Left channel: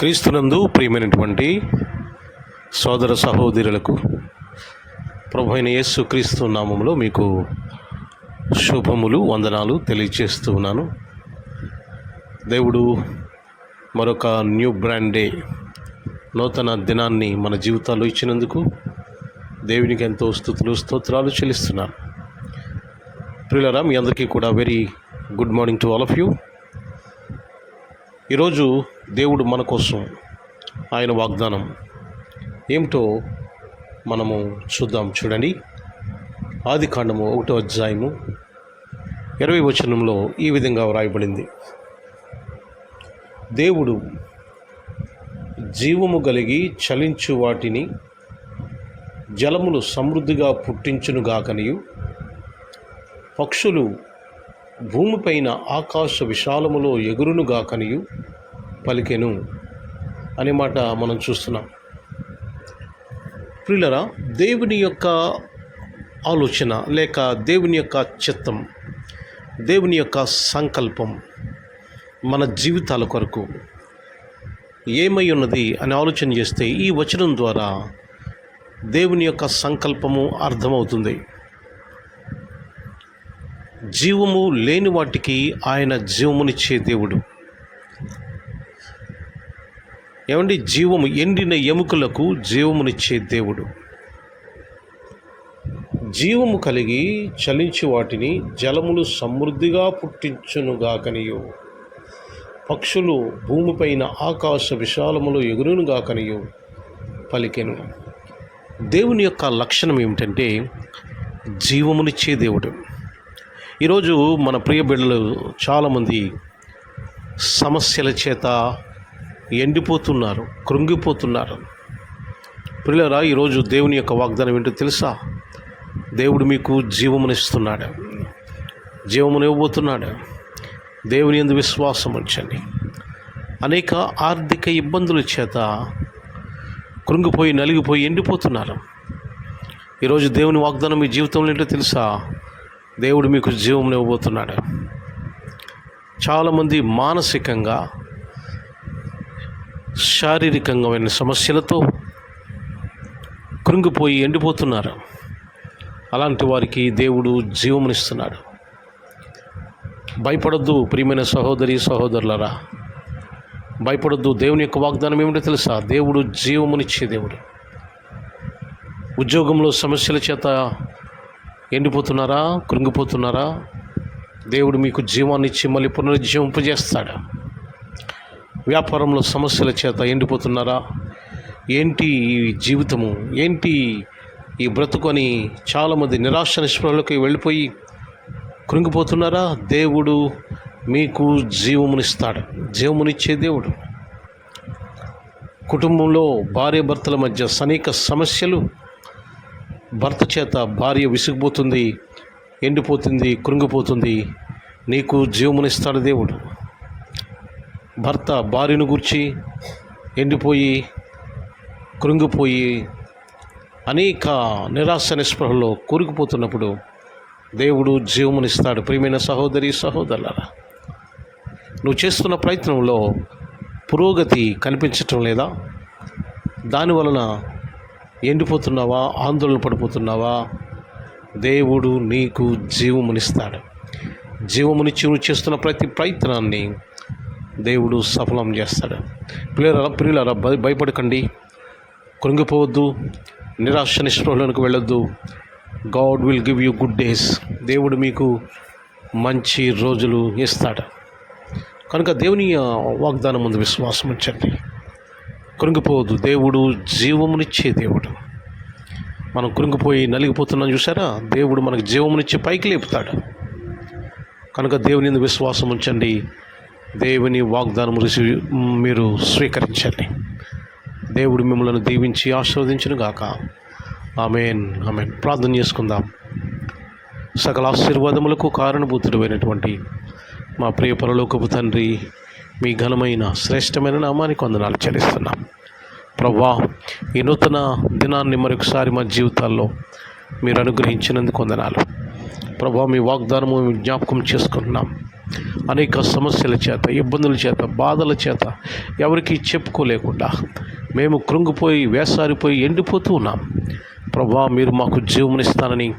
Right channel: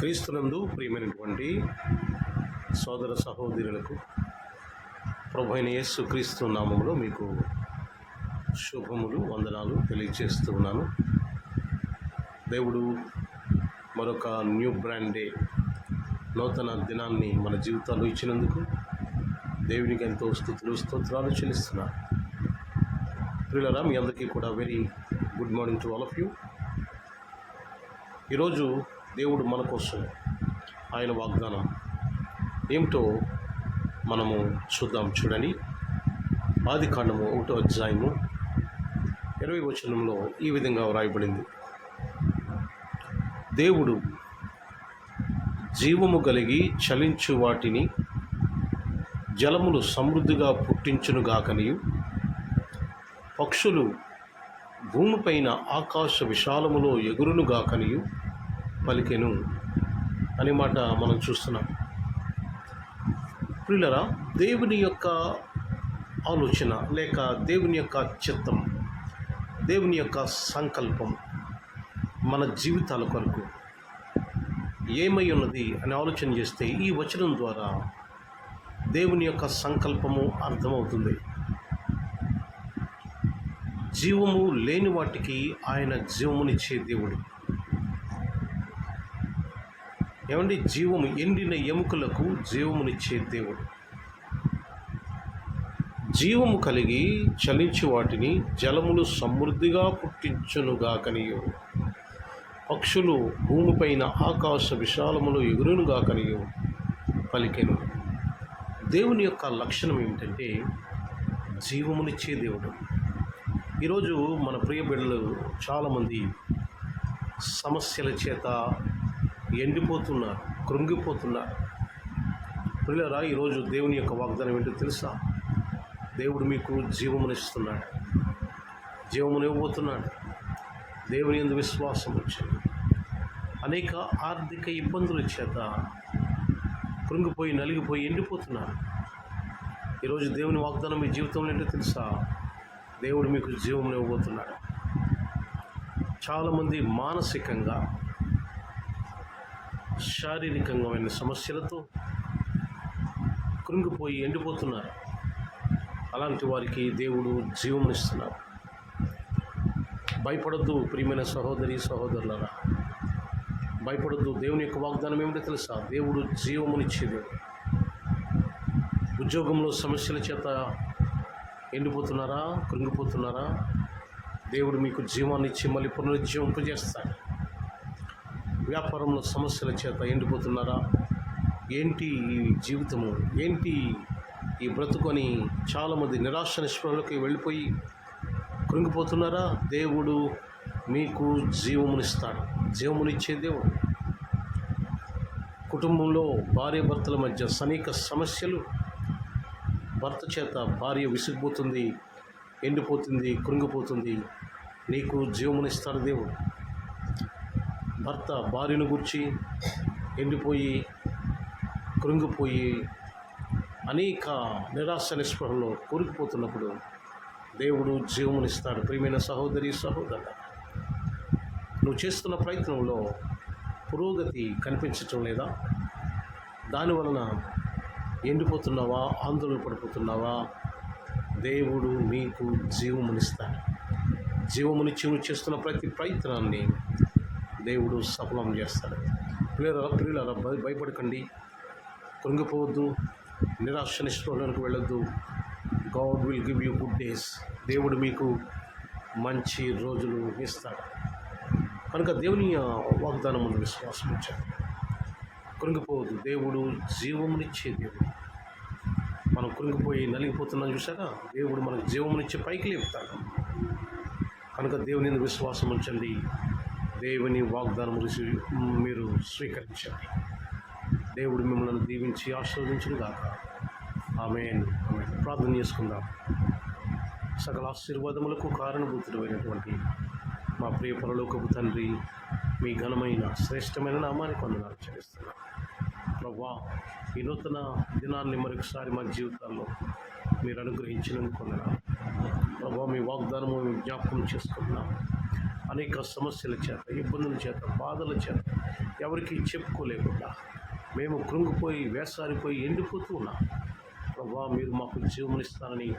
క్రీస్తునందు ప్రియమైనటువంటి సోదర సహోదరులకు ప్రభు అయిన యేసు క్రీస్తు నామములో మీకు శుభములు వందనాలు తెలియజేస్తూ ఉన్నాను. దేవుడు మరొక న్యూ బ్రాండ్ డే, నూతన దినాన్ని మన జీవితాల్లో ఇచ్చినందుకు దేవునికి ఎంతో స్తుతులు స్తోత్రాలు చెల్లిస్తున్నాను. ప్రియులారా, మీ అందరికీ కూడా very good morning to all of you. ఈరోజు దేవుడు మన కోసం ఆయన వాగ్దానం ఏమిటో మనము చూద్దాం. చూడండి, ఆదికాండము 1వ అధ్యాయము 20వ వచనంలో ఈ విధంగా వ్రాయబడింది. దేవుడు జీవము కలిగి చలించు వాటిని జలములు సమృద్ధిగా పుట్టించునుగాకనియు, పక్షులు భూమిపైన ఆకాశ విశాలములో ఎగురునుగాకనియు పలికెను అనే మాట మనం చూస్తున్నాం. ప్రియులరా, దేవుని యొక్క ఆలోచన లేక దేవుని యొక్క చిత్తం, దేవుని యొక్క సంకల్పం మన జీవితాల కొరకు ఏమై ఉన్నది అని ఆలోచన చేస్తే ఈ వచనం ద్వారా దేవుని యొక్క సంకల్పము అర్థమవుతుంది. జీవము లేని వాటికి ఆయన జీవమునిచ్చే దేవుడు. ఏమండి, జీవము ఎండిన ఎముకలకు జీవమునిచ్చే దేవుడు. జీవము కలిగి చలించి వాటిని జలములు సమృద్ధిగా పుట్టించునుగాకనియు, పక్షులు భూమిపైన ఆకాశ విశాలములో ఎగురునుగాకనియు పలికెను. దేవుని యొక్క లక్షణం ఏమిటంటే జీవమునిచ్చే దేవుడు. ఈరోజు మన ప్రియ బిడ్డలు చాలామంది సమస్యల చేత ఎండిపోతున్నారు, కృంగిపోతున్నారు. ప్రియులారా, ఈరోజు దేవుని యొక్క వాగ్దానం ఏంటో తెలుసా? దేవుడు మీకు జీవమునిస్తున్నాడు, జీవమునివ్వబోతున్నాడు. దేవుని యందు విశ్వాసం ఉంచండి. అనేక ఆర్థిక ఇబ్బందుల చేత కృంగిపోయి నలిగిపోయి ఎండిపోతున్నారు. ఈరోజు దేవుని వాగ్దానం మీ జీవితంలో ఏంటో తెలుసా? దేవుడు మీకు జీవమునివ్వబోతున్నాడు. చాలామంది మానసికంగా శారీరకమైన సమస్యలతో కృంగిపోయి ఎండిపోతున్నారు. అలాంటి వారికి దేవుడు జీవమునిస్తున్నాడు. భయపడొద్దు ప్రియమైన సహోదరి సహోదరులారా, భయపడొద్దు. దేవుని యొక్క వాగ్దానం ఏమిటో తెలుసా? దేవుడు జీవమునిచ్చే దేవుడు. ఉద్యోగంలో సమస్యల చేత ఎండిపోతున్నారా, కృంగిపోతున్నారా? దేవుడు మీకు జీవాన్ని ఇచ్చి మళ్ళీ పునరుజ్జీవింపజేస్తాడు. వ్యాపారంలో సమస్యల చేత ఎండిపోతున్నారా? ఏంటి ఈ జీవితము, ఏంటి ఈ బ్రతుకు అని చాలామంది నిరాశ నిస్పృహలోకి వెళ్ళిపోయి కృంగిపోతున్నారా? దేవుడు మీకు జీవమునిస్తాడు, జీవమునిచ్చే దేవుడు. కుటుంబంలో భార్య భర్తల మధ్య అనేక సమస్యలు, భర్త చేత భార్య విసిగిపోతుంది, ఎండిపోతుంది, కృంగిపోతుంది. నీకు జీవమునిస్తాడు దేవుడు. భర్త భార్యను గురించి ఎండిపోయి కృంగిపోయి అనేక నిరాశ నిస్పృహలో కూరుకుపోతున్నప్పుడు దేవుడు జీవమునిస్తాడు. ప్రియమైన సహోదరి సహోదరులారా, నువ్వు చేస్తున్న ప్రయత్నంలో పురోగతి కనిపించటం లేదా? దానివలన ఎండిపోతున్నావా, ఆందోళన పడిపోతున్నావా? దేవుడు నీకు జీవమునిస్తాడు. జీవమునిచ్చి నువ్వు చేస్తున్న ప్రతి ప్రయత్నాన్ని దేవుడు సఫలం చేస్తాడు. ప్రియులారా, భయపడకండి, కృంగిపోవద్దు, నిరాశ నిస్పృహలోనికి వెళ్ళొద్దు. God will give you good days. దేవుడు మీకు మంచి రోజులు ఇస్తాడు. కనుక దేవుని వాగ్దానం ముందు విశ్వాసం ఉంచండి, కృంగిపోవద్దు. దేవుడు జీవమునిచ్చే దేవుడు. మనం కృంగిపోయి నలిగిపోతున్నాం చూసారా? దేవుడు మనకు జీవమునిచ్చి పైకి లేపుతాడు. కనుక దేవుని యందు విశ్వాసం ఉంచండి, దేవుని వాగ్దానం మీరు స్వీకరించండి. దేవుడు మిమ్మల్ని దీవించి ఆశీర్వదించును గాక. ఆమేన్, ఆమేన్. ప్రార్థన చేసుకుందాం. సకల ఆశీర్వాదములకు కారణభూతుడైనటువంటి మా ప్రియ పరలోకపు తండ్రి, మీ ఘనమైన శ్రేష్టమైన నామానికి వందనాలు చెల్లిస్తున్నాం. ప్రభువా, ఈ నూతన దినాన్ని మరొకసారి మా జీవితాల్లో మీరు అనుగ్రహించినందుకు వందనాలు. ప్రభువా, మీ వాగ్దానము జ్ఞాపకం చేసుకుంటున్నాం. అనేక సమస్యల చేత, ఇబ్బందుల చేత, బాధల చేత ఎవరికి చెప్పుకోలేకుండా మేము కృంగిపోయి, వేసారిపోయి, ఎండిపోతూ ఉన్నాం. ప్రభా, మీరు మాకు జీవమునిస్తానని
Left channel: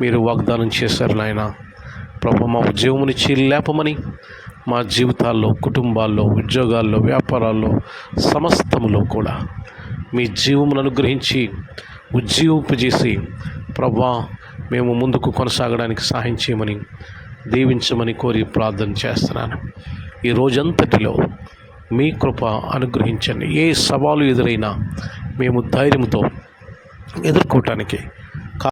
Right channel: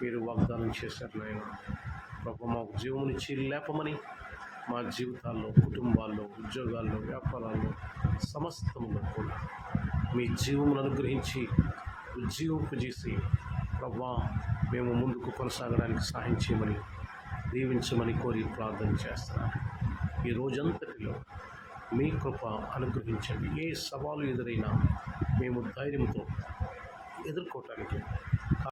మీరు వాగ్దానం చేశారు నాయన. ప్రభా, మాకు జీవమునిచ్చి లేపమని మా జీవితాల్లో, కుటుంబాల్లో, ఉద్యోగాల్లో, వ్యాపారాల్లో, సమస్తములో కూడా మీ జీవమును అనుగ్రహించి ఉజ్జీవింపజేసి ప్రభా, మేము ముందుకు కొనసాగడానికి సహాయం చేయమని, దీవించమని కోరి ప్రార్థన చేస్తున్నాను. ఈ రోజంతటిలో మీ కృప అనుగ్రహించండి. ఏ సవాలు ఎదురైనా మేము ధైర్యంతో ఎదుర్కోవటానికి